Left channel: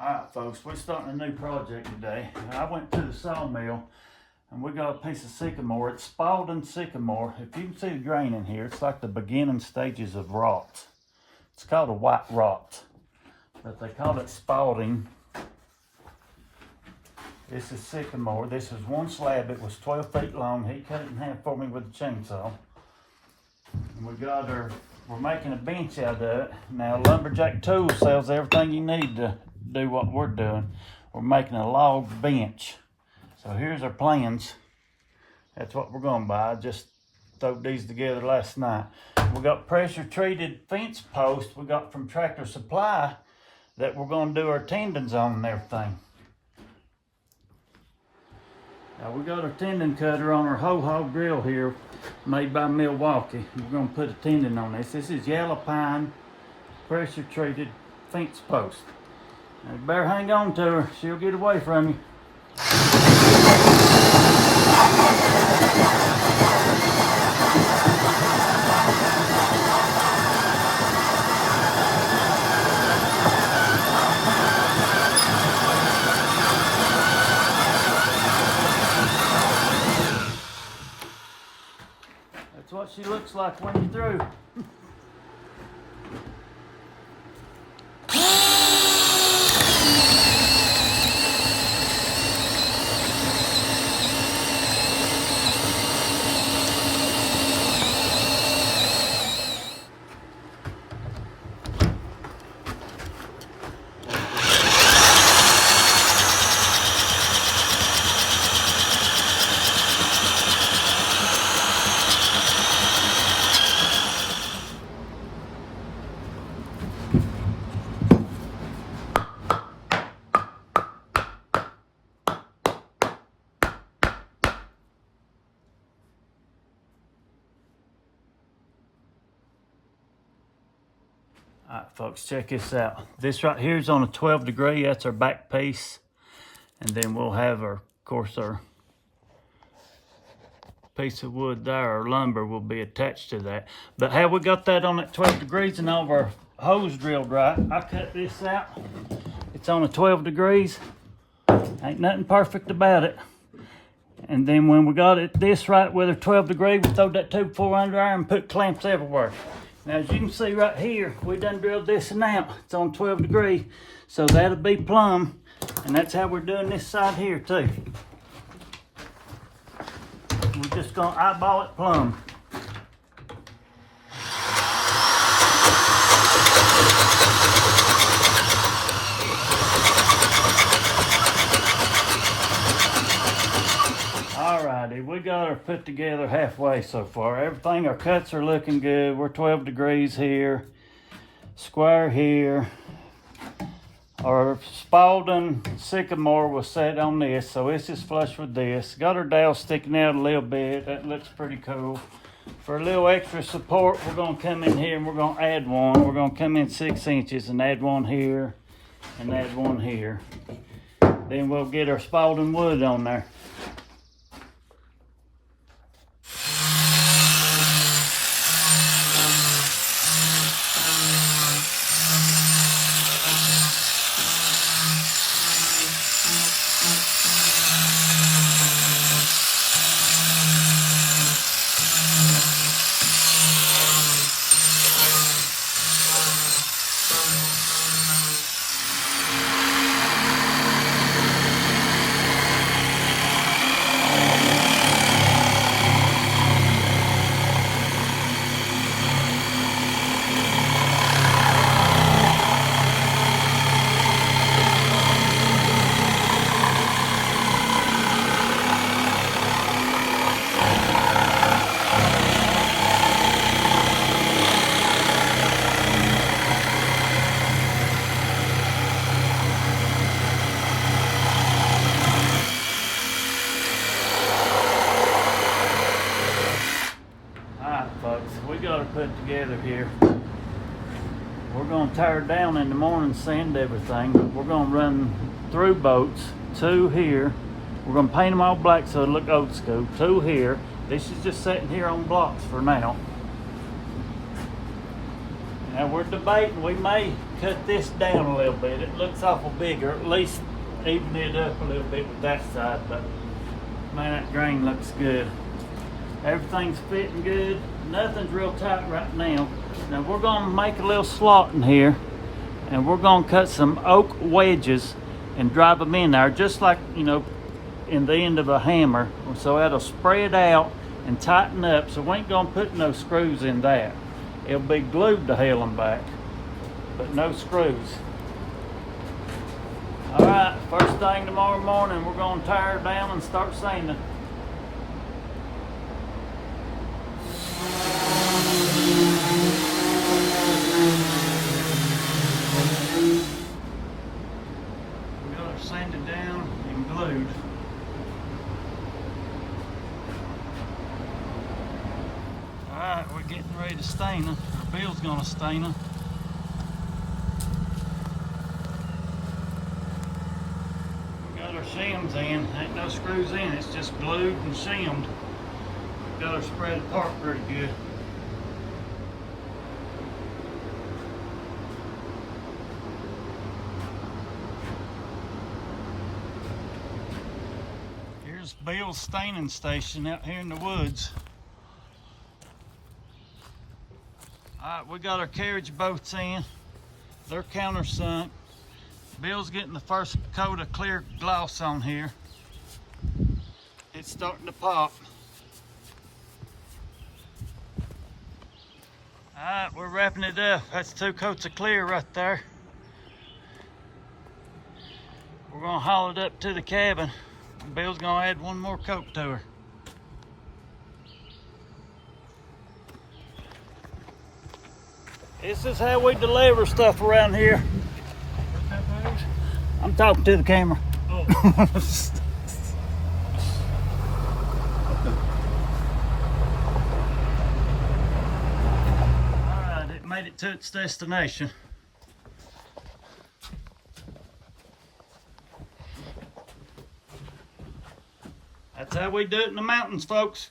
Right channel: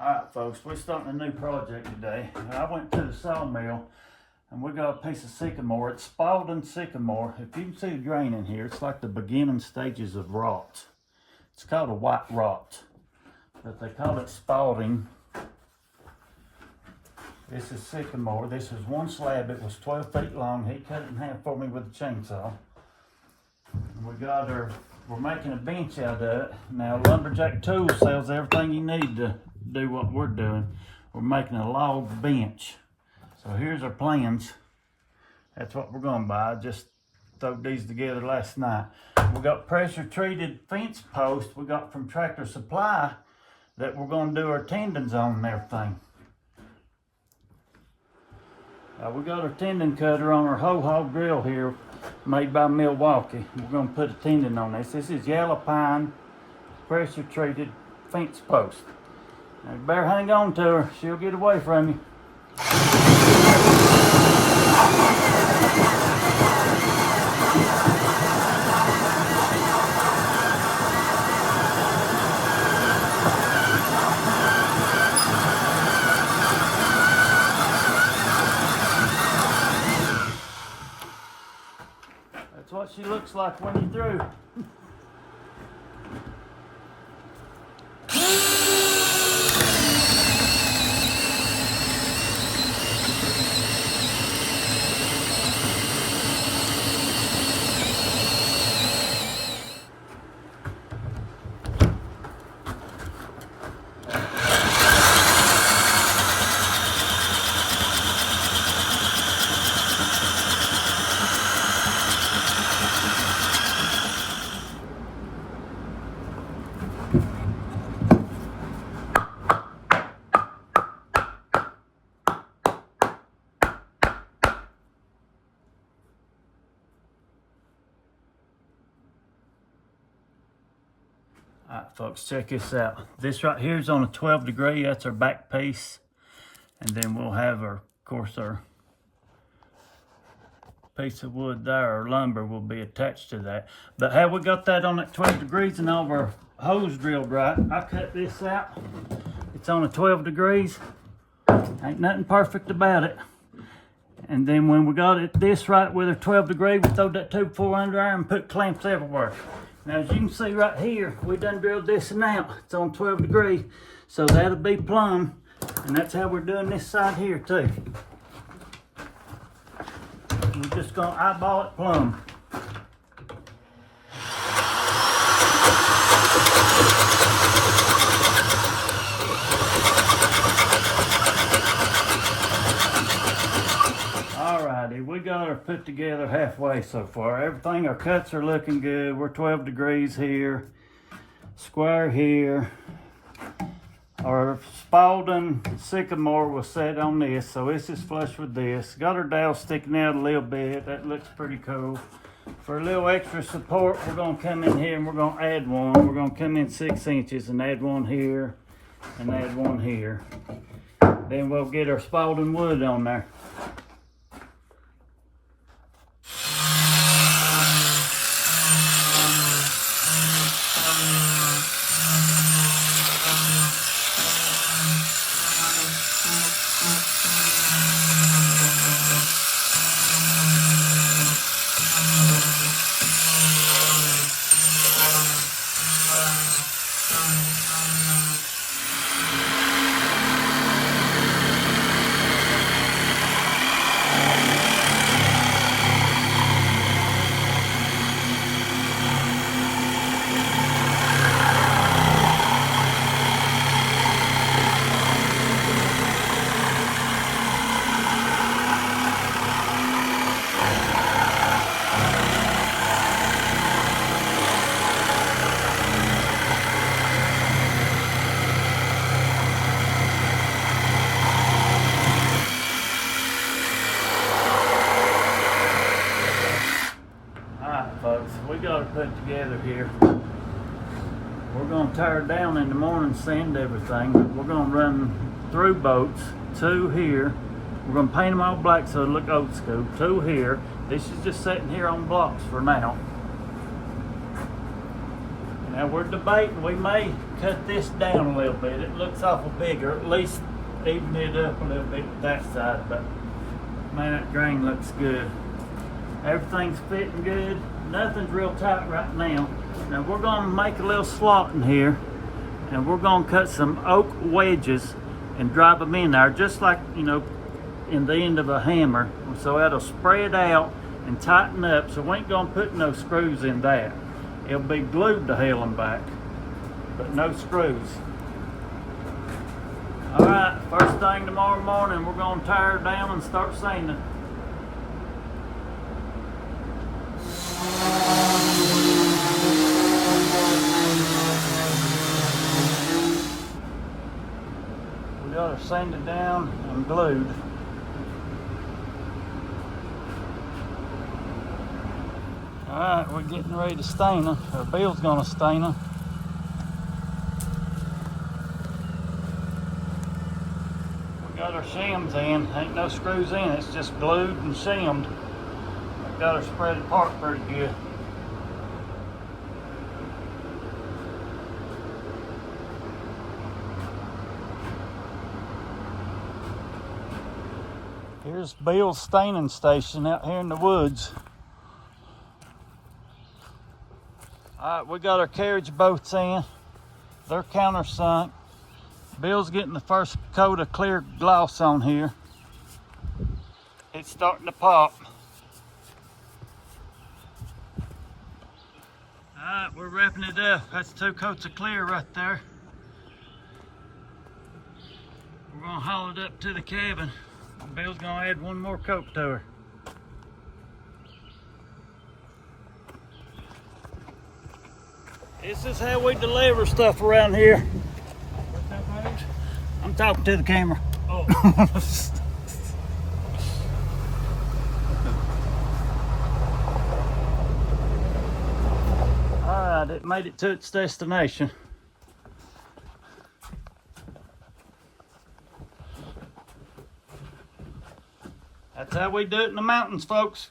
Alright folks, we're starting a new project today. I went to the sawmill and we got a piece of sycamore. It's Spalding sycamore. If you can see the grain in here, it's like the beginning stages of rot. It's called a white rot, but they call it Spalding. This is sycamore. This is one slab. It was 12 feet long. He cut it in half for me with a chainsaw. And we're making a bench out of it. Now Lumberjack Tools sells everything you need to do what we're doing. We're making a log bench. So here's our plans. That's what we're gonna buy. I just threw these together last night. We got pressure treated fence posts we got from Tractor Supply that we're gonna do our tendons on and everything. Now we got our tendon cutter on our ho-ho drill here, made by Milwaukee. We're gonna put a tendon on this. This is yellow pine pressure treated fence post. Now you better hang on to her, she'll get away from you. That's what she looks like when you're through. All right, folks, check this out. This right here is on a 12 degree. That's our back piece. And then we'll have our piece of wood there, our lumber will be attached to that. But how we got that on at 12 degrees and all of our hose drilled right, I cut this out. It's on a 12 degrees. Ain't nothing perfect about it. And then when we got it this right with a 12 degree, we throwed that 2x4 under iron and put clamps everywhere. Now, as you can see right here, we done drilled this and out. It's on 12 degrees, so that'll be plumb. And that's how we're doing this side here too. We're just gonna eyeball it plumb. Alrighty, we got her put together halfway so far. Everything, our cuts are looking good. We're 12 degrees here, square here. Our Spalding sycamore was set on this, so this is flush with this. Got our dowel sticking out a little bit. That looks pretty cool. For a little extra support, we're gonna come in here and we're gonna add one. We're gonna come in 6 inches and add one here and add one here. Then we'll get our Spalding wood on there. Folks, we got it put together here. We're going to tear it down in the morning, sand everything. We're going to run through boats, 2 here. We're going to paint them all black so it'll look old school. 2 here. This is just sitting here on blocks for now. Now we're debating, we may cut this down a little bit. It looks awful big, or at least even it up a little bit with that side, but man, that grain looks good. Everything's fitting good. Nothing's real tight right now. Now we're gonna make a little slot in here, and we're gonna cut some oak wedges and drive them in there, just like, you know, in the end of a hammer. And so it'll spread out and tighten up, so we ain't gonna put no screws in that. It'll be glued to hell and back, but no screws. All right, first thing tomorrow morning, we're gonna tear it down and start sanding. We got her sanded down and glued. All right, we're getting ready to stain them. Or Bill's gonna stain them. We got our shims in. Ain't no screws in. It's just glued and shimmed. Got her spread apart pretty good. Here's Bill's staining station out here in the woods. All right, we got our carriage boats in. They're countersunk. Bill's getting the first coat of clear gloss on here. It's starting to pop. All right, we're wrapping it up. That's 2 coats of clear right there. We're gonna haul it up to the cabin. Bill's gonna add 1 more coat to her. This is how we deliver stuff around here. I'm talking to the camera. Oh. Alright, it made it to its destination. That's how we do it in the mountains, folks.